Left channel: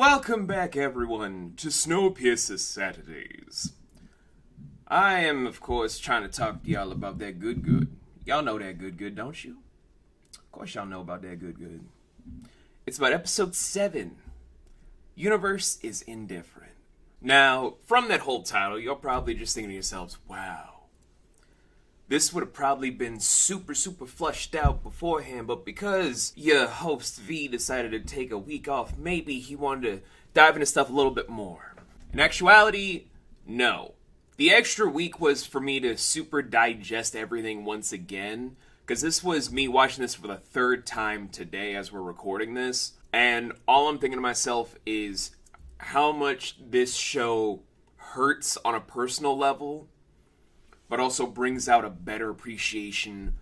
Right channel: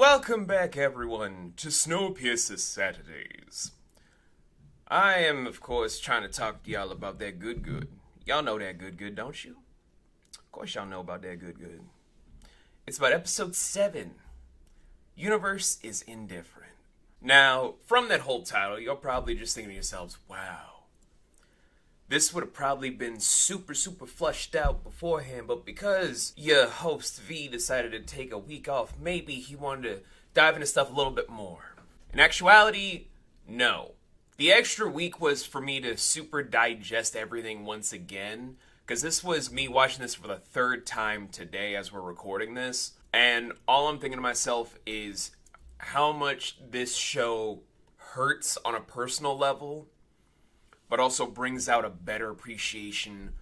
Welcome back, everyone, to Snowpiercer Saturdays. I am, of course, trying to talk to y'all about that good. Y'all know that good, don't you? Of course y'all know about that good. It's about episode 7. Universe is Indifferent. Now, from that whole title, you're probably just thinking to yourselves, wow. This would have probably been super flushed out beforehand, but because your host V decided to take a week off, maybe he wanted to dive into stuff a little bit more. In actuality, no. The extra week was for me to super digest everything once again, because this was me watching this for the third time today as we're recording this, and all I'm thinking to myself is how much this show hurts on a personal level, but also brings out a better appreciation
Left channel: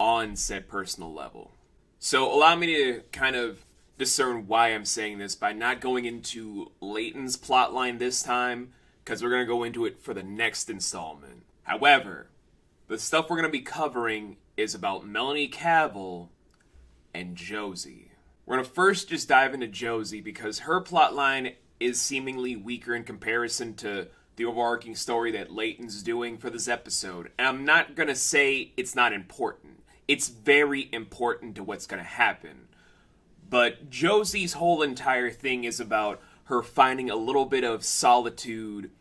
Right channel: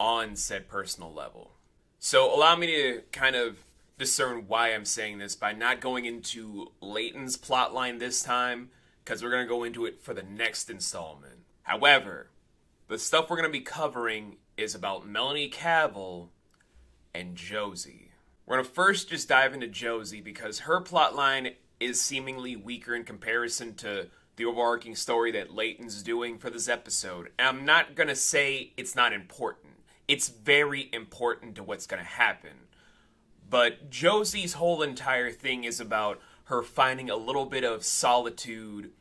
on said personal level. So allow me to kind of discern why I'm saying this by not going into Leighton's plotline this time, because we're going to go into it for the next installment. However, the stuff we're going to be covering is about Melanie Cavill and Josie. We're going to first just dive into Josie because her plotline is seemingly weaker in comparison to the overarching story that Leighton's doing for this episode. And I'm not going to say it's not important. It's very important to what's going to happen. But Josie's whole entire thing is about her finding a little bit of solitude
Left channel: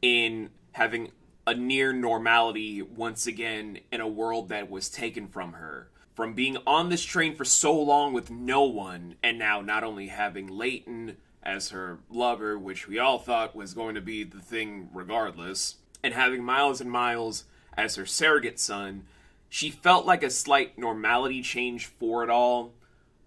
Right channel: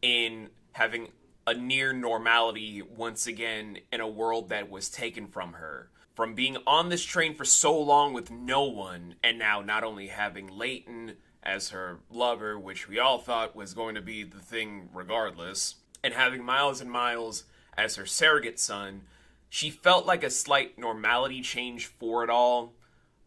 in having a near normality once again in a world that was taken from her. From being on this train for so long with no one, and now not only having Leighton as her lover, which we all thought was going to be the thing regardless, and having Miles and Miles as her surrogate son, she felt like a slight normality change for it all,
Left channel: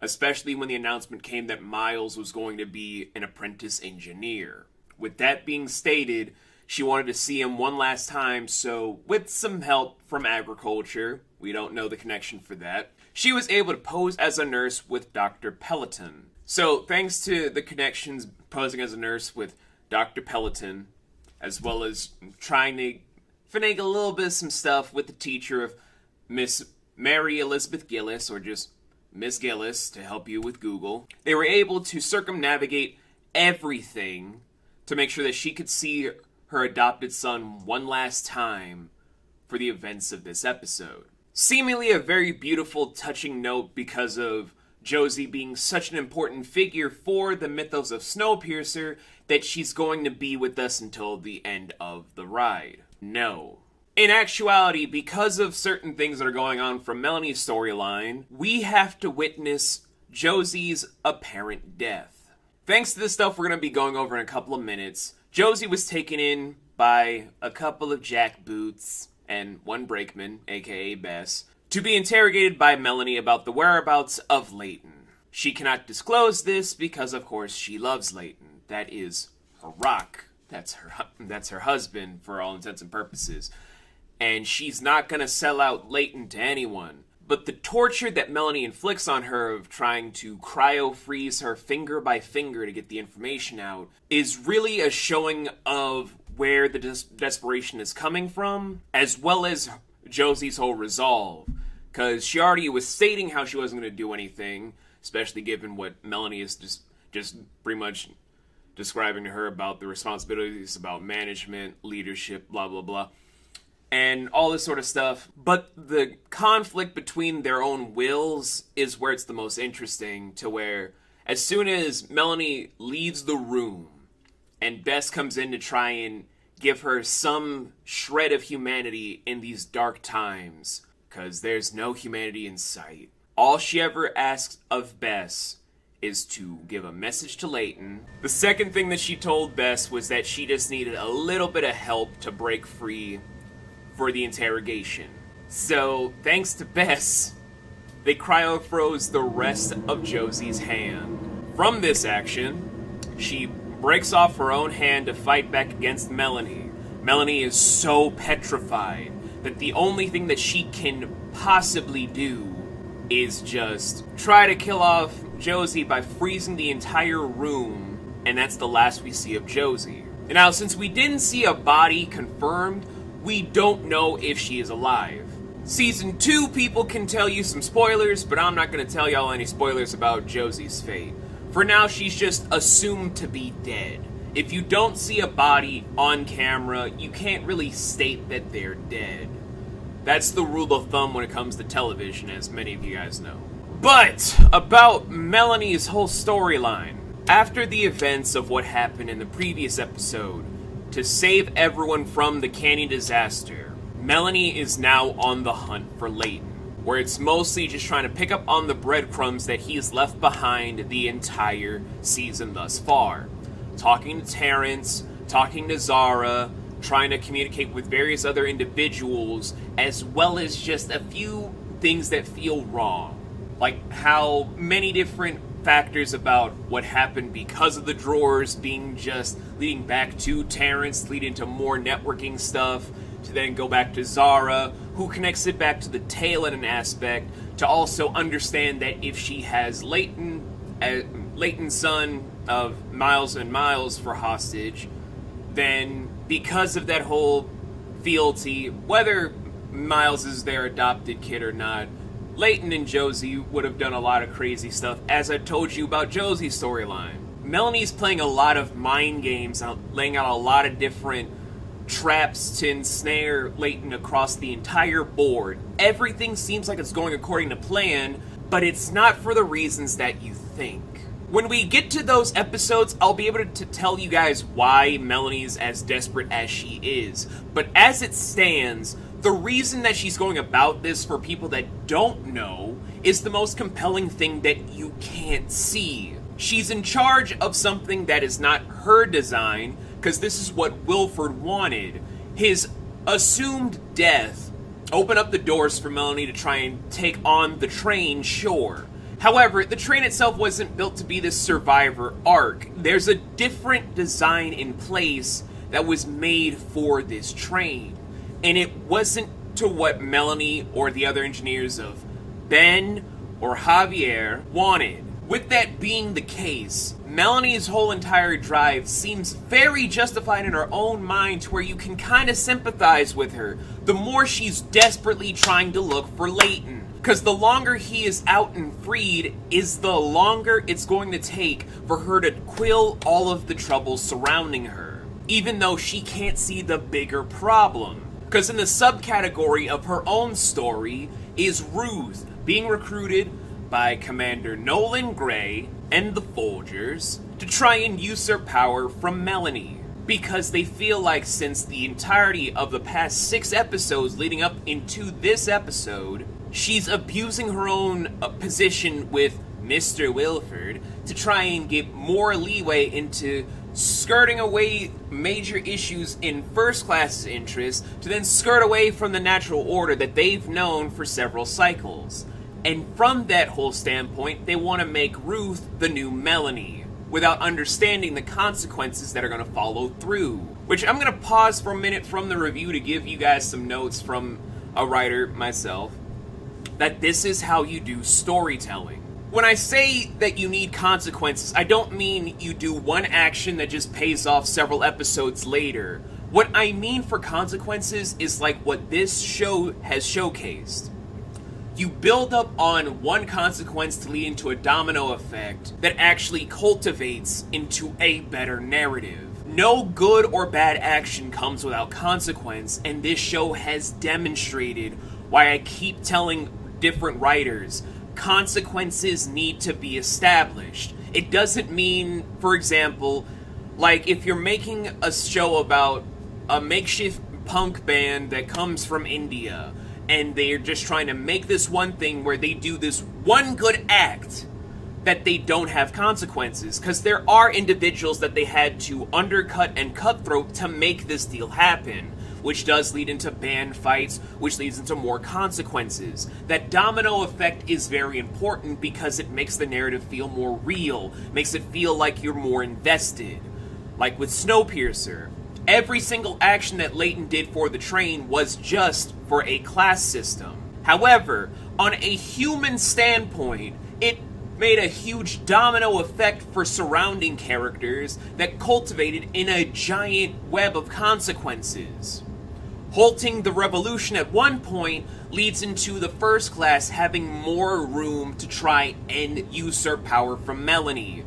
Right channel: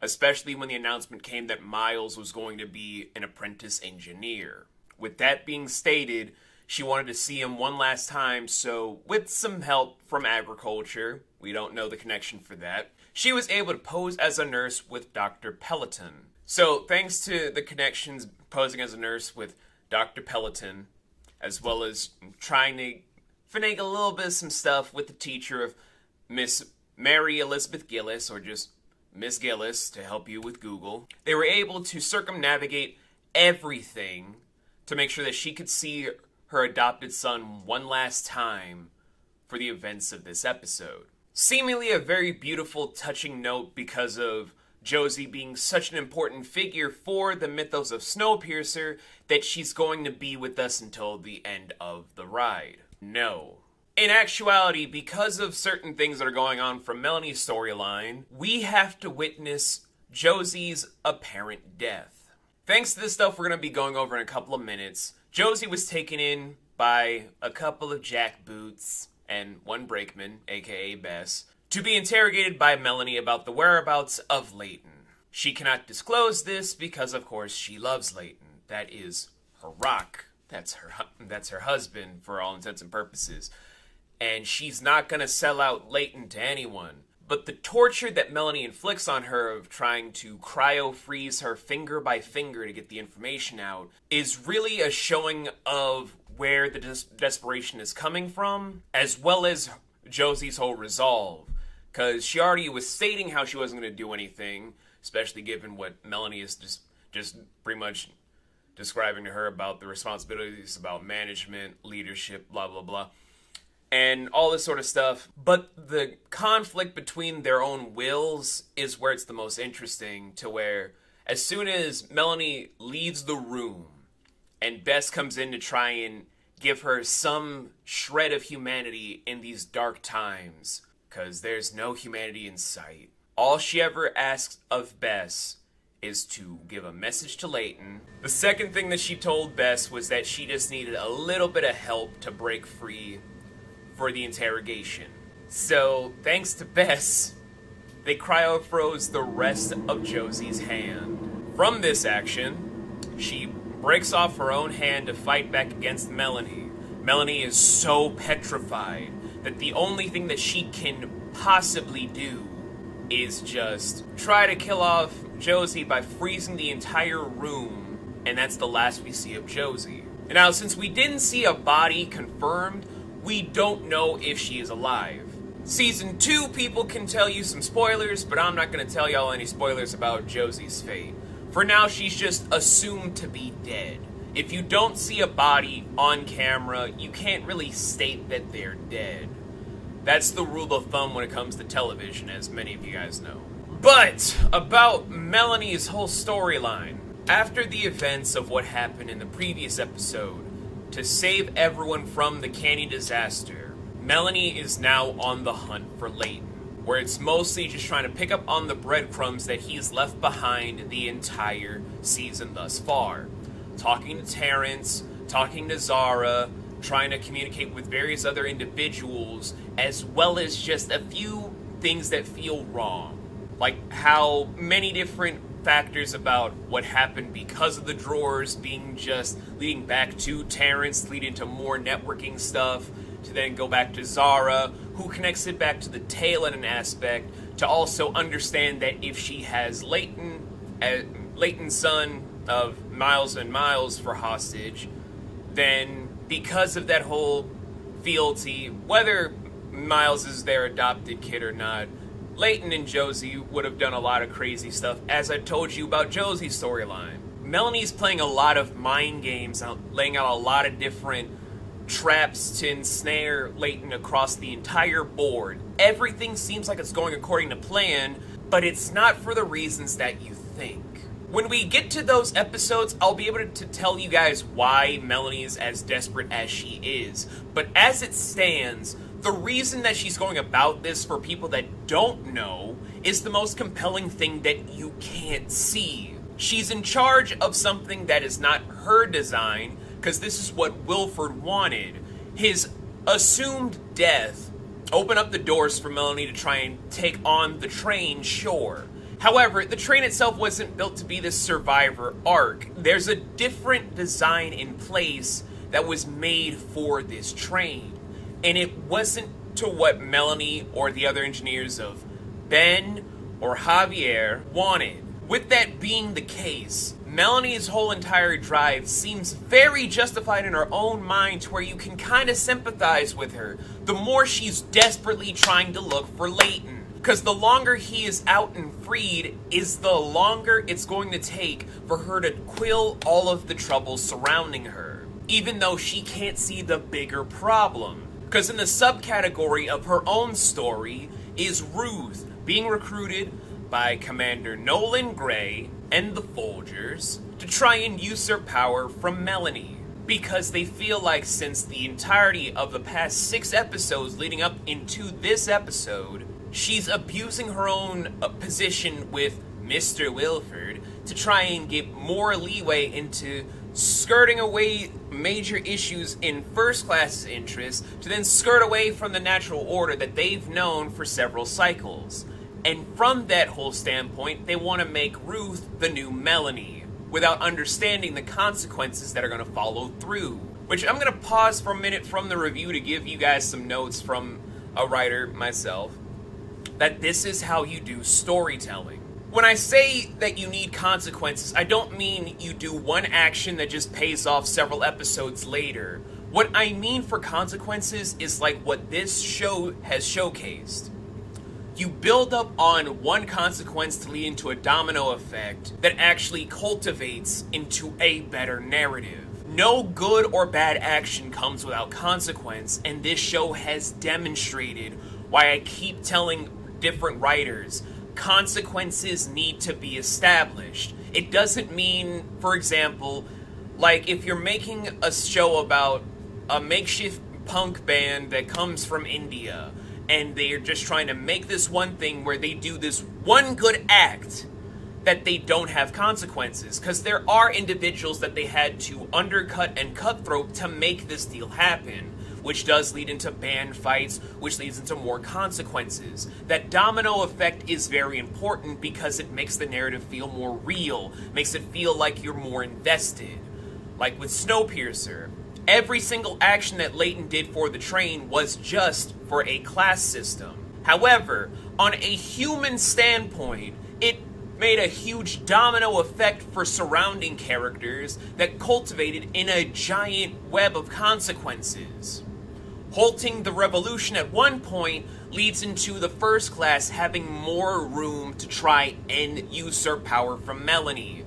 especially when the announcement came that Miles was going to be an apprentice engineer. With that being stated, she wanted to see him one last time, so with some help from agriculture, we don't know the connection for that, she was able to pose as a nurse with Dr. Peloton. So, thanks to the connections posing as a nurse with Dr. Peloton, as well as trying to finagle a little bit of some stuff with the teacher of Miss Mary Elizabeth Gillis, or just Miss Gillis, to help you with Google, they were able to circumnavigate everything to make sure that she could see her adopted son one last time for the events of this episode. Seemingly a very beautiful, touching note because of Josie being such an important figure for the mythos of Snowpiercer that she's going to be with us until the end of the ride. No. In actuality, because of certain things that are going on from Melanie's storyline, we have to witness Josie's apparent death. Thanks to this stuff we're going to be going over in a couple of minutes, Josie was taken in by a couple of jackboots and one brakeman, aka Bess, to be interrogated by Melanie about the whereabouts of Leighton. She cannot disclose this because, of course, she loves Leighton. That is her rock. That's her husband for all intents and purposes. And she's not going to sell out Leighton to anyone. But the torture that Melanie inflicts on her of trying to cryo-freeze her finger by finger to get the information out is really a showing of where the desperation is coming from, as well as Josie's whole resolve. Because she already was stating how she wasn't going to do anything, especially given what Melanie is just pretty much describing to her about the responsibilities about management, leadership, blah, blah, blah, and all this sort of stuff. But the conflict between their own wills is where it's the most interesting, to where as soon as Melanie leaves the room and Bess comes in to try and give her some shred of humanity in these dark times, because there's no humanity in sight, all she ever asks of Bess is to give a message to Leighton. The second thing that she told Bess was that she just needed a little bit of help to break free for the interrogation. So, thanks to Bess, they cryo-froze the rest of Josie's hand. From this action, she breaks off her own hand to fight back against Melanie. Melanie is so petrified that the only thing that she can possibly do is just try to kill off Josie by freezing the entire room, and that's the last we see of Josie. And now, since we didn't see a body confirmed, we don't know if she is alive. Season 2 people can tell you some spoilers, but I'm not going to tell y'all any spoilers about Josie's fate. For now, she's just assumed to be dead. If you don't see a body on camera, you can't really state that they're dead. That's the rule of thumb when it comes to television, as many of you guys know. But about Melanie's whole storyline. After the events of what happened in the previous episode, to save everyone from the canyon disaster, Melanie is now on the hunt for Layton, where it's mostly just trying to pick up on the breadcrumbs that he's left behind the entire season thus far. Talking to Terrence, talking to Zara, trying to communicate with various other individuals, as well as just a few things that feel wrong. Like how many different factors about what happened because of the drawers being just leading back to Terrence, leading to more networking stuff, to then go back to Zara, who connects it back to the tail in an aspect, to also understand that if she has Layton's son of Miles and Miles for hostage, then because of that whole fealty, whether Miles is their adopted kid or not, Layton and Josie would have done a lot of crazy stuff, as I told you about Josie's storyline. Melanie's playing a lot of mind games, laying out a lot of different traps to ensnare Layton across the entire board. Everything seems like it's going according to plan, but it's not for the reasons that you think. When we get to those episodes, I'll be able to tell you guys why Melanie is as desperate as she is. But as it stands, the reason that she's going about this, for people that don't know, is the most compelling thing that you can't see. She's in charge of something that is not her design, because this is what Wilford wanted. His assumed death opened up the doors for Melanie to try and take on the train, sure. However, the train itself wasn't built to be this survivor arc. There's a different design in place that was made for this train. And it wasn't to what Melanie or the other engineers of Ben or Javier wanted. With that being the case, Melanie's whole entire drive seems very justified in her own mind, to where you can kind of sympathize with her the more she's desperately trying to look for Layton. Because the longer he is out and freed, is the longer it's going to take for her to quell all of the troubles surrounding her, even though she can't see the bigger problem. Because in the subcategory of her own story is Ruth being recruited by Commander Nolan Gray and the Folgers to try and usurp power from Melanie, because they feel like since the entirety of the past 6 episodes leading up into this episode, she's abusing her own position with Mr. Wilford to try and get more leeway into skirting away major issues in First Class's interest, to then skirt away from the natural order that they've known for several cycles. And from that whole standpoint, they want to make Ruth the new Melanie, without understanding the consequences that are going to follow through. Which I'm going to pause for a minute from the review to give you guys some notes from a writer myself, that this is how you do storytelling. When I say that you need consequences, I don't mean you do one action that just pays off several episodes later. What I mean for consequences is like what this show has showcased. You build up on one consequence to lead into a domino effect that actually cultivates into a better narrative. No good or bad action comes without consequence, and this show has demonstrated why I keep telling different writers, consequences need to be established. It doesn't mean, for example, like if you're making a show about a makeshift punk band that comes from India, and they're just trying to make this one thing where they do this one good act, that they don't have consequences, because there are individuals that they had to undercut and cutthroat to make this deal happen, which does lead into band fights, which leads into more consequences. That domino effect is very important because it makes the narrative feel more real, makes it feel like you're more invested. Like with Snowpiercer, every single action that Layton did for the train was just for a class system. However, on a human standpoint, it made a huge domino effect for surrounding characters that cultivated in a giant web of consequences. Halting the revolution at one point leads into the First Class having more room to try and usurp power from Melanie,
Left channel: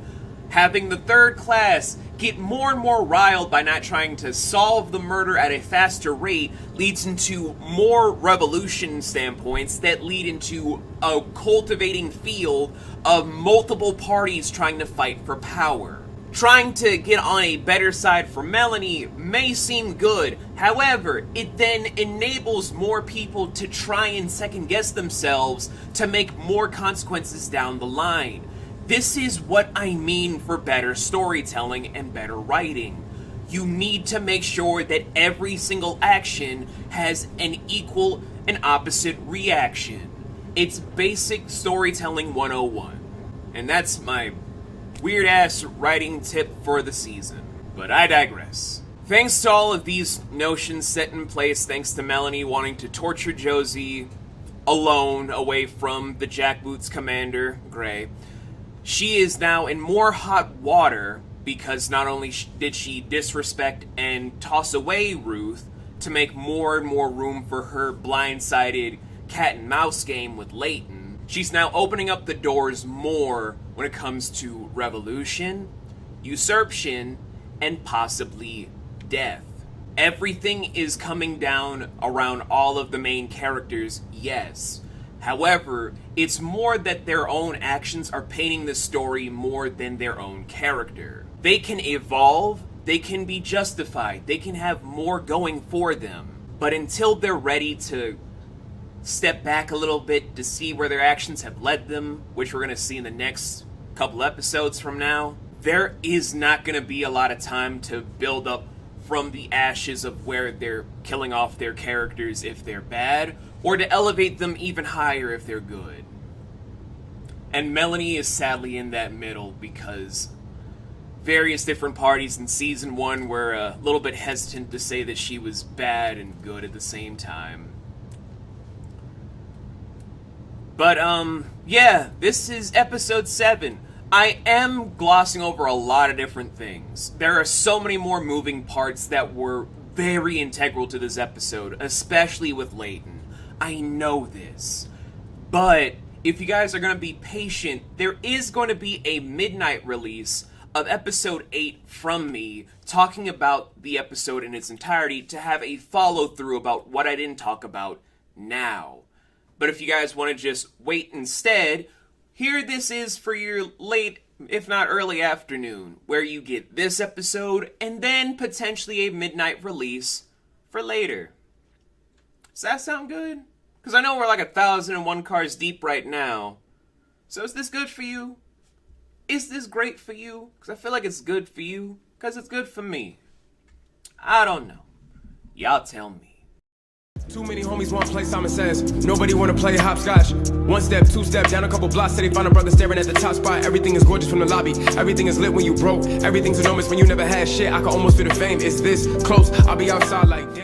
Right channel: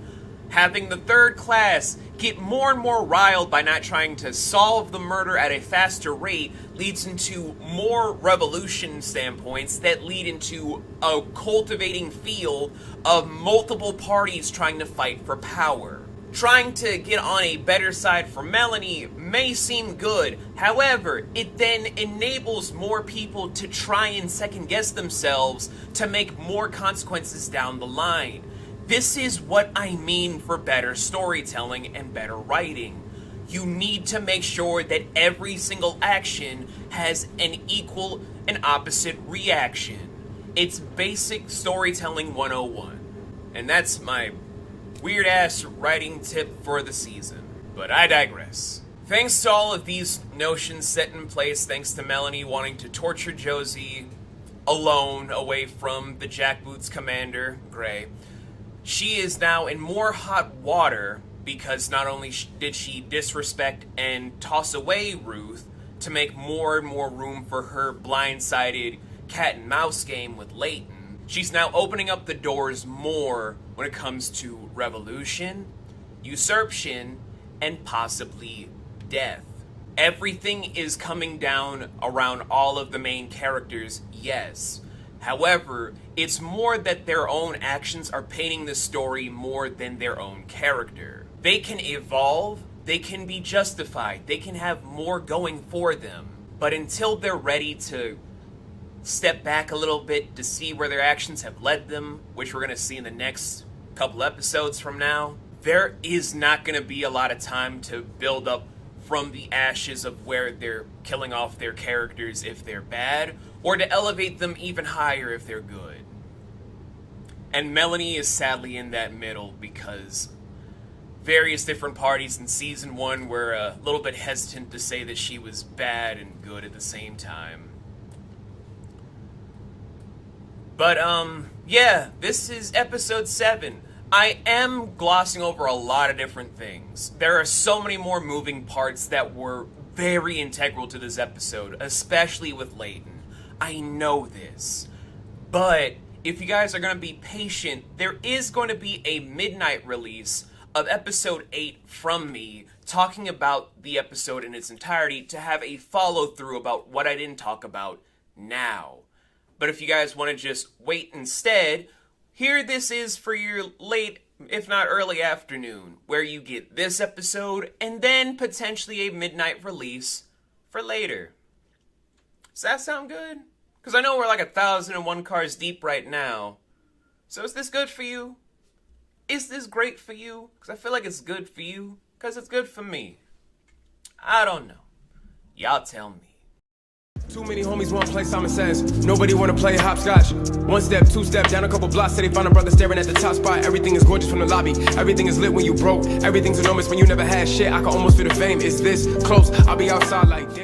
Having the third class get more and more riled by not trying to solve the murder at a faster rate leads into more revolution standpoints that lead into a cultivating field of multiple parties trying to fight for power. Trying to get on a better side for Melanie may seem good, however, it then enables more people to try and second guess themselves to make more consequences down the line. This is what I mean for better storytelling and better writing. You need to make sure that every single action has an equal and opposite reaction. It's basic storytelling 101. And that's my weird-ass writing tip for the season. But I digress. Thanks to all of these notions set in place, thanks to Melanie wanting to torture Josie alone away from the jackboots commander, Gray, she is now in more hot water because not only did she disrespect and toss away Ruth to make more and more room for her blindsided cat and mouse game with Leighton, she's now opening up the doors more when it comes to revolution, usurpation, and possibly death. Everything is coming down around all of the main characters, yes. However, it's more that their own actions are painting the story more than their own character. They can evolve, they can be justified, they can have more going for them. But until they're ready to step back a little bit to see where their actions have led them, which we're going to see in the next couple episodes from now, there is not going to be a lot of time to build up from the ashes of where they're killing off their characters if they're bad, or to elevate them even higher if they're good. And Melanie is sadly in that middle because various different parties in Season 1 were a little bit hesitant to say that she was bad and good at the same time. But, yeah, this is Episode 7. I am glossing over a lot of different things. There are so many more moving parts that were very integral to this episode, especially with Leighton. I know this. But if you guys are going to be patient, there is going to be a midnight release of Episode 8 from me, talking about the episode in its entirety to have a follow-through about what I didn't talk about now. But if you guys want to just wait instead, here this is for your late, if not early afternoon, where you get this episode and then potentially a midnight release for later. Does that sound good? Because I know we're like 1,001 cars deep right now. So is this good for you? Is this great for you? Because I feel like it's good for you. Because it's good for me. I don't know. Y'all tell me. Too many homies want to play Simon Says. Nobody want to play hopscotch. One step, two step, down a couple blocks till they find a brother staring at the top spot. Everything is gorgeous from the lobby. Everything is lit when you broke. Everything's enormous when you never had shit. I can almost feel the fame. Is this close? I'll be outside like damn.